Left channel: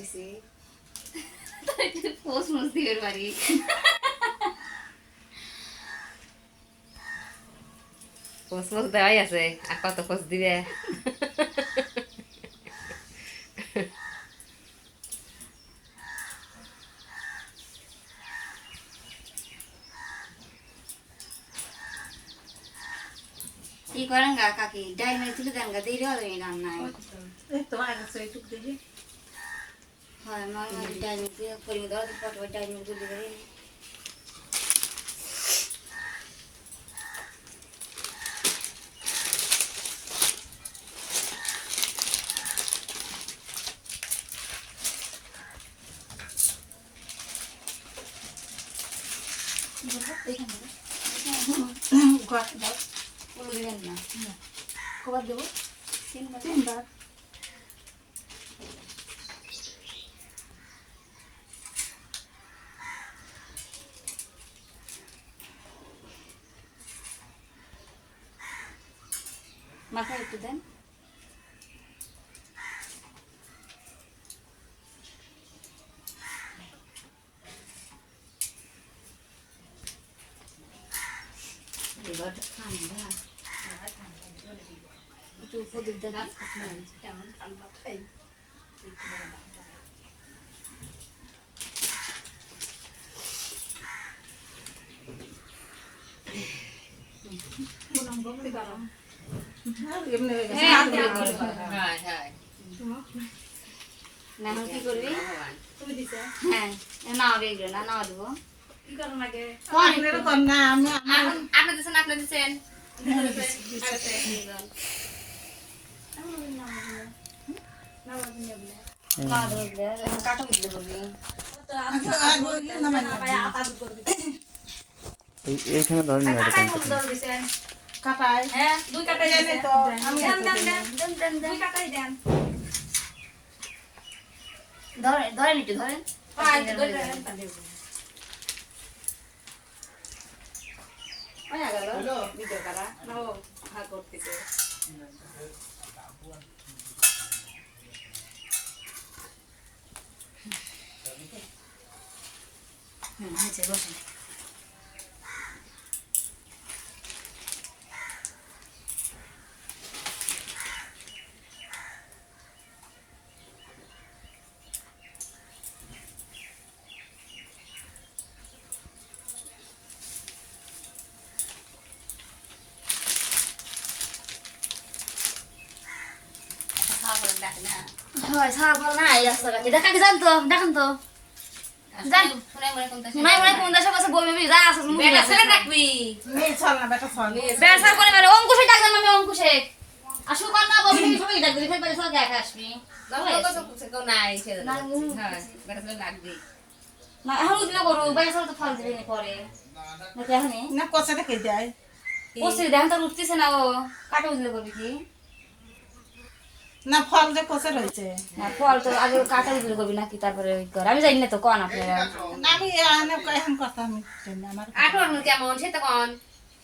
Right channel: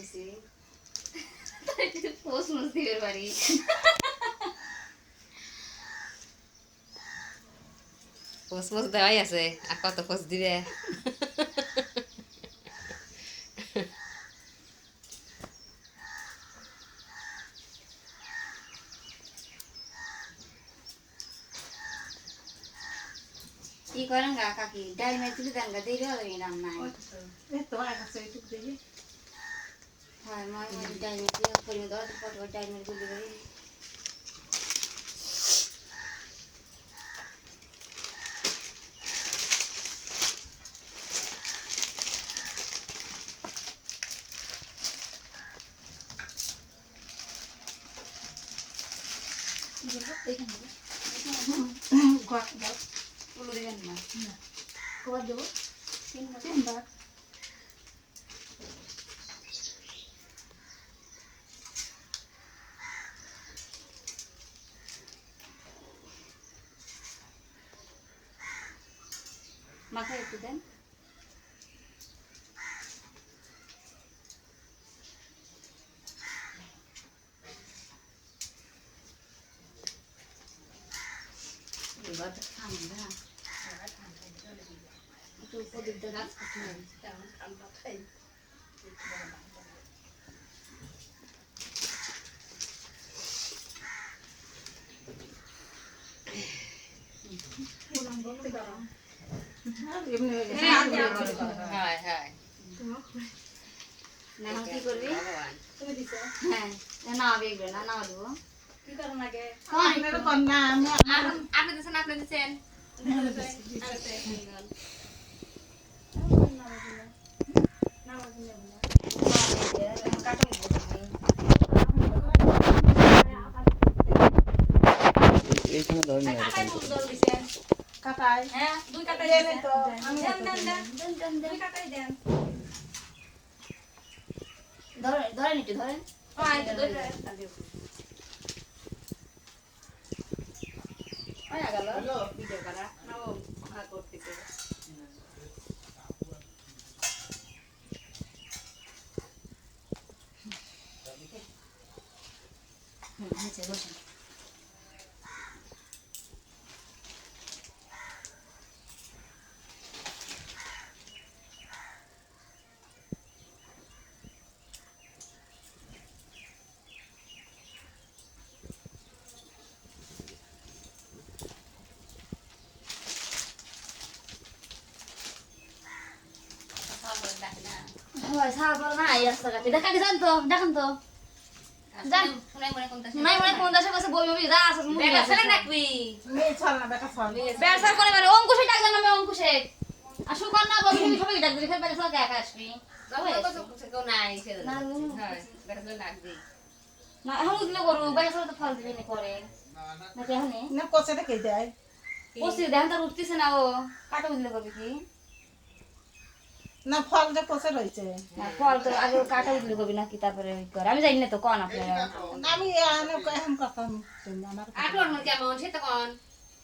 করতেছি পোস্ট মুসিবের বাড়ি পোস্ট দেওয়াই আছে আর কত পোস্ট দিবে কি করেন গা কাকি ডাইনে তুলে দেন গা দিয়ে হবে রান্না হয় মা ডাইনে তুলে করে দাও তো পট ডাইনে তুলে দেবে পুরো দেবেন না খবর দেবো তিনবার মাথায় একটু দেন এবার ঠান্ডা একটু উপদের দেন কেমন ঠান্ডা খাই এইখানে ধরেন কাটাই হ্যাঁ দুই কাটাই দেন তো আমি দেন দুই কাটাই দেন ধরেন একটু ধরেন ভিডিও করা নাও হাত করতেছে বসেন হয় সার বল না এই রাস্তা কাছে দেখা কি জানতো দেখেন তো জান নাই মনে কোন দেশে বসে বলবি যা আছে বেটা ছেলে দেখবি মেয়ে চল না বেটা চল বেসা করে মানে অঙ্কুশে ডাক দেন আমি অঙ্কুশে আসু কর না বলবি তুমি সবাই ডাক দিবি ফের সব দেখা আসবি নাই বেটা ছেলে লাগবে না এখন দিলে করো বেসা তো ফল দিবে নি পরে নাকি এখন না কচাটা কে দেয় ওসে দেখেন তো উঠতেছে না ও কাটা দিলে করবি কি না ফল যে কচা রয়েছে না ফল তো আগে কাটা দিলে করবি নাকি তারপরে কর আমি জানি না তো কোন আপনারা আমি এখন কথা আমি আমার আটোর মধ্যে কেমন সে তখন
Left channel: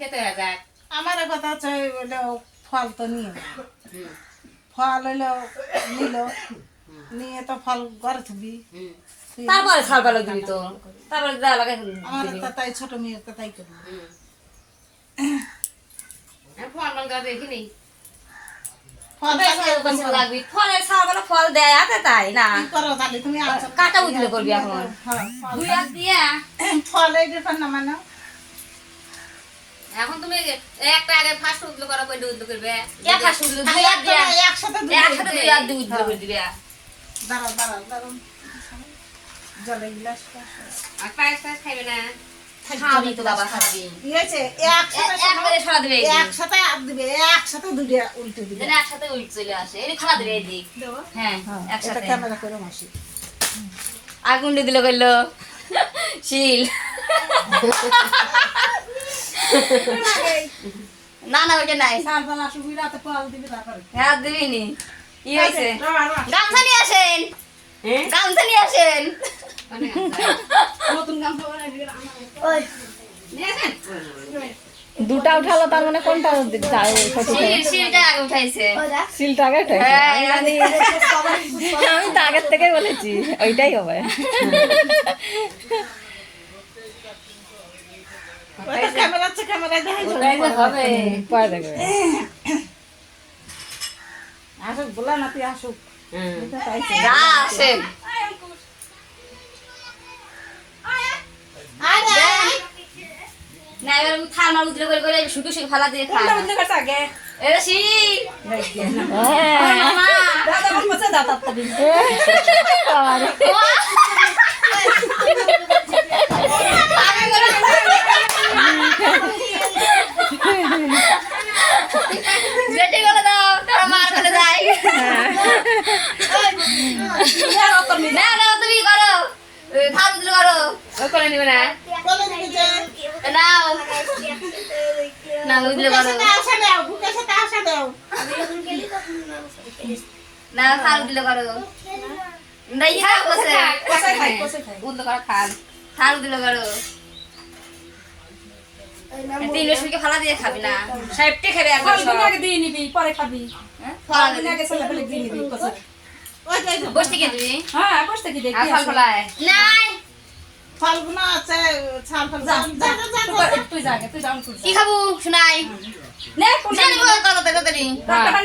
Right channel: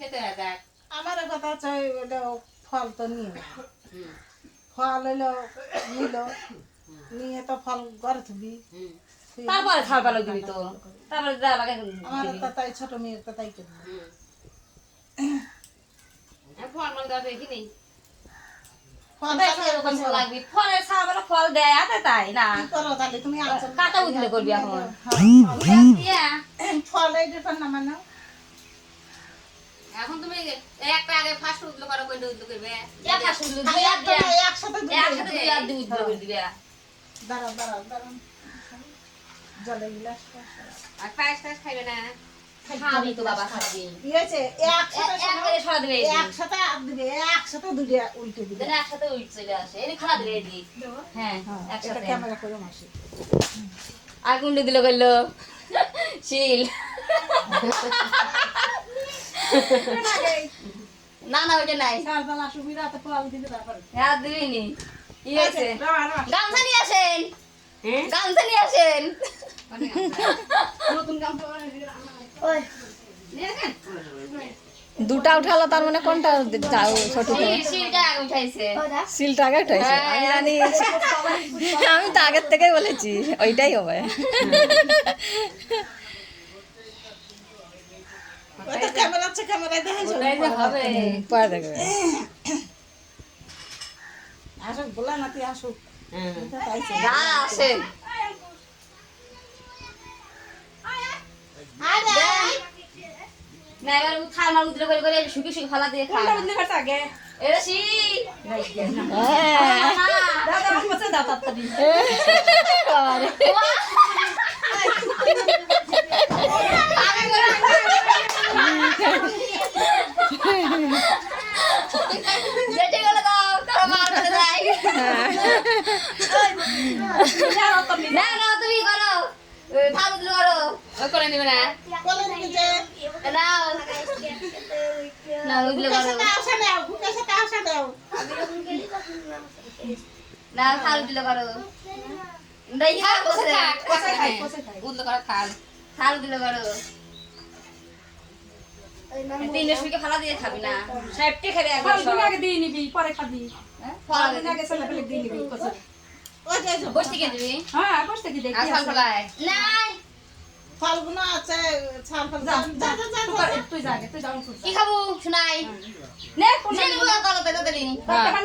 খেতে হয়ে যায় আমার কথা চাই বলে ফল তো নিয়ে ফল হইলো নিল নিয়ে তো ফল ঘরে থুবি তারপরে ছাল পালো দিবি তো তারপরে যা লাগে আমার তাই ছোট মেয়ের তাই করবি ফল বাঙ্গা দেখিনি ফল লাগবি ফলের ছাল পালো ফল দেয় হাতে তাই না কি করো তাহলে তুমি আনছো কাটা উঠলে করবি এখন ফল এই ডিফারেন্ট না মানে এখন তুমি একটা আগে ফার্স্ট উঠলো করো কই উঠলো করবে কে ফাস উঠলে দুই হাত দিয়া একসাথে একসাথে দুই হাত দুই উঠলে করে দিবি দাঁড়াও জলে গ্লাস আর প্রাইস টাইস খাইবে না খাবি তো বাবা খাবি কি হয়েছে এক করে ছড়া দিবে একসাথে হাত দিবে একসাথে দুটো উল্টে দিবে যেন একসাথে উল্ট চলে আসে এই খাওয়া দিবে এদিক হ্যাঁ একসাথে ক্যামেরা করে মাসি আগুন দিয়ে দিল কইলো শিল না না ওইটা নাই সালপালা সুবিধাতে ফল দিবে তারপরে হ্যাঁ দিবিনি কি হয়েছে গামছা নিয়ে আসেন গামছা নিয়ে আসেন নতুন গামছা দুটা উঠালো তার মানে কোনটা হ্যাঁ, শিলটা উঠাইছে সিলটা আগে উঠাইছে হ্যাঁ, আমি তো আগের থেকেই বলেছি ওইটাই হবে ওটা ক্যামেরা আছে, ক্যামেরা দেখাইছো। হবে পরে দেখবে আসুক, বলা নাতি আসুক। এটা তো আইছে। যা আসে না এবার খাওয়া না উদ্রে করে করে শুকু শুকু ফালা দিয়ে খায় কোনটা বুঝতে পারছ আগে? এটা সি হ্যাঁ দাদা কোন বসে দাদা তাড়াতাড়ি। যেটি বলে দাও তোর মার ফেলে যায় হ্যাঁ, অত মিলে। না না তুমি করো খাওয়া উদ্রে করো ও করে নিবে না বলে দিবি যে, নাও না উদ্রে করো বুকের সাথে আসা দাও, বুকের সাথে আসা দাও। না খাওয়া উদ্রে করো নাই খাও বসে কষাই খাই, কষাই খাই। উদ্দ করে খান খাওয়া উদ্রে করো তিন রসুনকে ফালা দিয়ে খাবি না সাহেবটে খাবে একবার ফল তুমি সব আগে দিয়ে নিবি, পরে খাবি। হ্যাঁ ফল ফালা তুমি দিয়ে আগে ছেলে পেলে দিয়ে নিবি, কষাই। ওই তো, ওই তো। বসতে কে দিবি হ্যাঁ, বসতে কি দেখি আর ফল ফলায় নাই ফলগুলো আছে, ছাল ফল। যা, যা, যা, যা। তুই যা আগে, তুই যা, আমি তুই যা। কি খাবো শোনাই নে, কোনটা জানি নিবি? গো তাড়াতাড়ি টাকাটা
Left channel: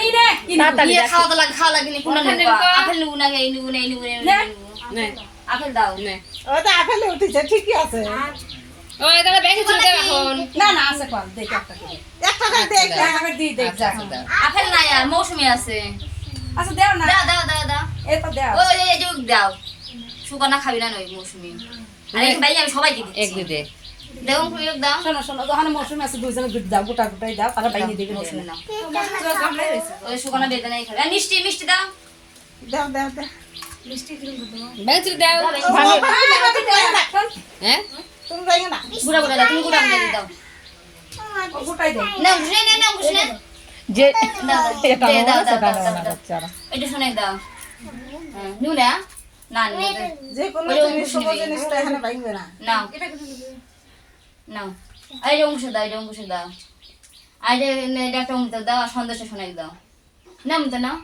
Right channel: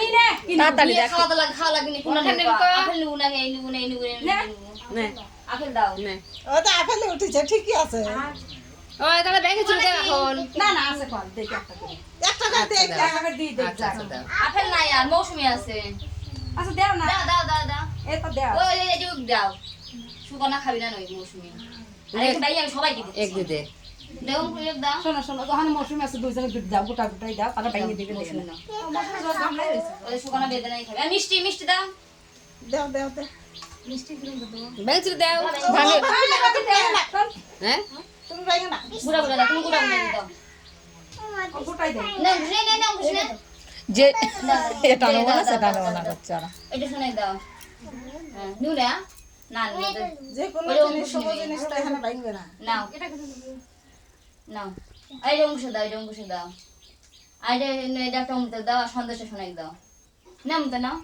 নিয়ে নে। কি নিবি? তাড়াতাড়ি নিয়ে খাওয়া তো লাগে খাওয়া লাগবে না কোনটা কোনটা নেবো নেবো? আপেল নেবো না এই নেবো না এই নেবো না এই নে। নেবো নে আপেল দাও নে ওই তো আপেল উঠেছে, ঠিকই আছে। ওই তাহলে বেশি চলে যাবে এখন না, না, আছে ফল, দেখ একটা করে। একটা করে দেখ, একটা করে দিয়ে দেখ, আচ্ছা যা। আচ্ছা দাও আপেল নাই আর মৌসুমি আছে আচ্ছা, দেও না। দাও দাও দাও দাও এই তো দেও। ওই এই যে দাও সুগনা খাবি না নই মৌসুমি আর এই ভাই আমি সবাইকে দিচ্ছি এক দুই দেও কুইক দাও শোনো, শোনো, ওখানে মৌসুমি আছে, দুইজনে দুধ দাও, গোটা গোটাই দাও, তারা বাইরে দিবে, মৌসুমি দেও। নাও ওই সুগনা বেদনাই খাবে আর মিষ্টি মিষ্টি দাও দাও, দাও, দাও। বেশি দাও হ্যাঁ তুমি যাইও না, বুড়া বুড়া দাও তুমি বুড়া বুড়া দাও ও গোটাই দাও। না বুঝলে না না বুঝলে যে দাও এটা দাও নেবো দাও সেটা দাও নেবো না দাও বাচ্চারা একটু শুনে দাও হ্যাঁ নিউ না না নিউ যে কোনো ওই জিনিস, অঙ্কুশ সব নিবি। জিনিস তো এখানে বাইবে না। নাও নাও এই যে অংশ দাও এই যে অংশ দাও এই যে এটা একটা অমৃত দাও আর সন্দেশে শোনাই দাও নাম তো নাও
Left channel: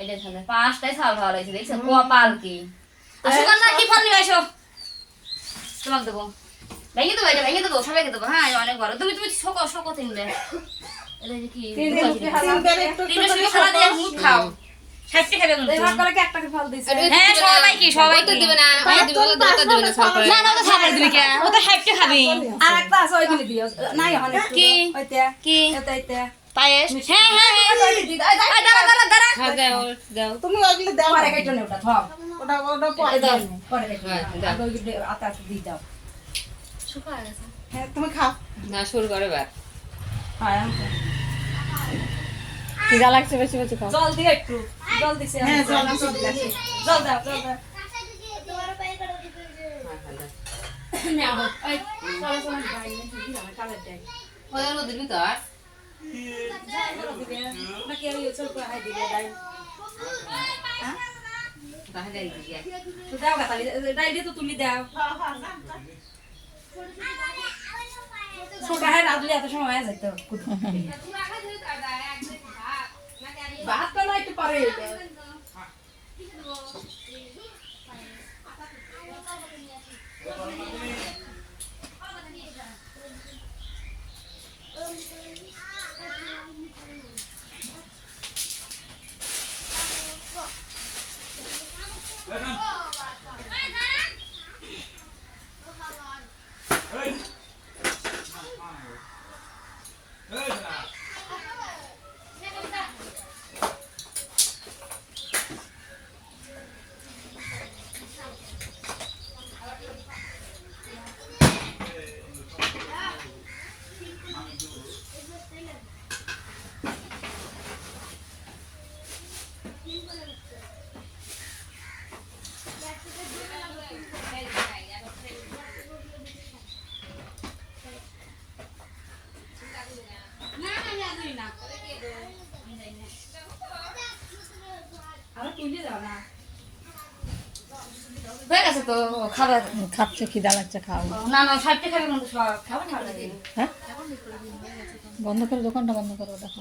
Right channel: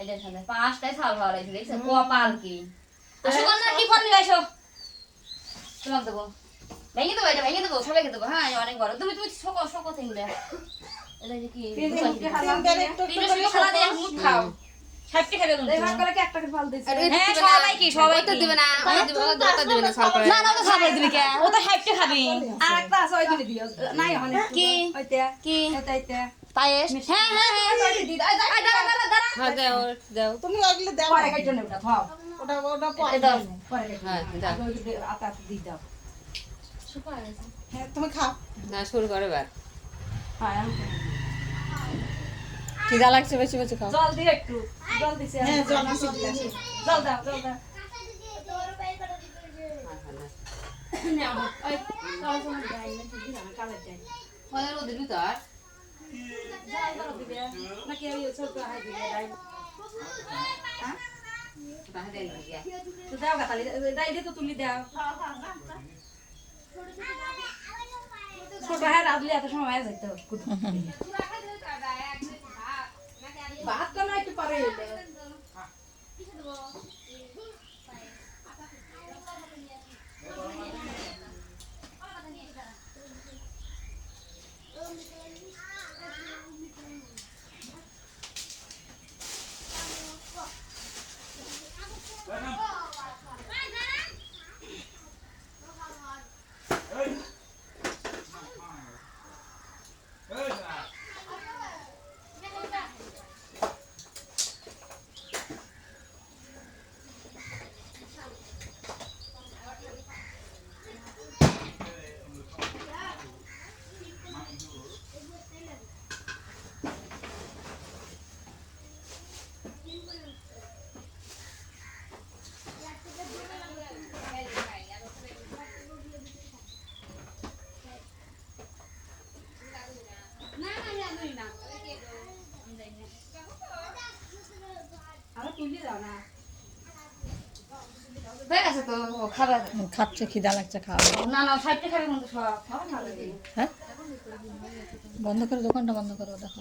এই যে সন্দেশ পাঁচটাই ছাল ভালো লাগছে দেখছো কপাল কি সুগন্ধা কি ফল নিবে এসো তোমাকে দেবো ভেঙে দেবো এটা ভেঙে দেবো সবাইকে দেবো হ্যাঁ অনেক বড় তুমি তুমি শোকো তিনবে এটা যে কি তিনবার একটু একটু তিনটা করে শুধু খালা দিয়ে মুখ খাও সাইডে খাবে কিন্তু এবার করে কি একটা করে ফল দিছে। হ্যাঁ সবাই তো দিবে না ওই দিবে ওটা দিবে না সব করে না না ও তো খাবে দিবে কে ও তো সাইডে খাবে আর একটা আছে, ওইখানে দিও। নাই, ওখানে একটু কি? দাও। ওইটা, কি এটা, এটা। পায়েস হ্যাঁ হ্যাঁ ওইটা দিয়ে দাও। এই, এই দাঁড়া দাঁড়া দাঁড়া হ্যাঁ দাও দাও তুমি ওইগুলো দাও, পরে কেটে নে ওটা, থাও। ওটা পরে দাও। নে, পরে কেটে নে। হ্যাঁ, দাও। আগে ওইগুলো আতে আতে দিয়ে দাও। শুকায় গেছে হ্যাঁ, তুমি খাও। না শুরু করে বার হ্যাঁ, আমি খাও। যা লাগছে বেশি বেশি খাও জল দিও একটু। জল দিছে। হ্যাঁ, জল দিছি, দিছি। জল দাও, জল দাও। নাও, এই, চলো, চলো, যাই, দিলাম, কালের যাই। ওই ওদের ভিতর দিবে, নাকি আমি ছোট করে হাই দিবে, যাই। তাহলে দিকে তো দাও গা, তাহলে, ডাইলে তো তুমি দাও। ছোট হাই রাঁধলে এত সময় হয়ে যেত। ভাত তো না একটু পরে। আবার তুলে দাও না। হয়ে গেছে তো খাবার খাচ্ছে খিদা লাগছে খাওয়া না না সাইডে খাবে কিন্তু সব খাবার না লাগে হ্যাঁ বন্ধ করে দোকানটা বন্ধ করো দেখো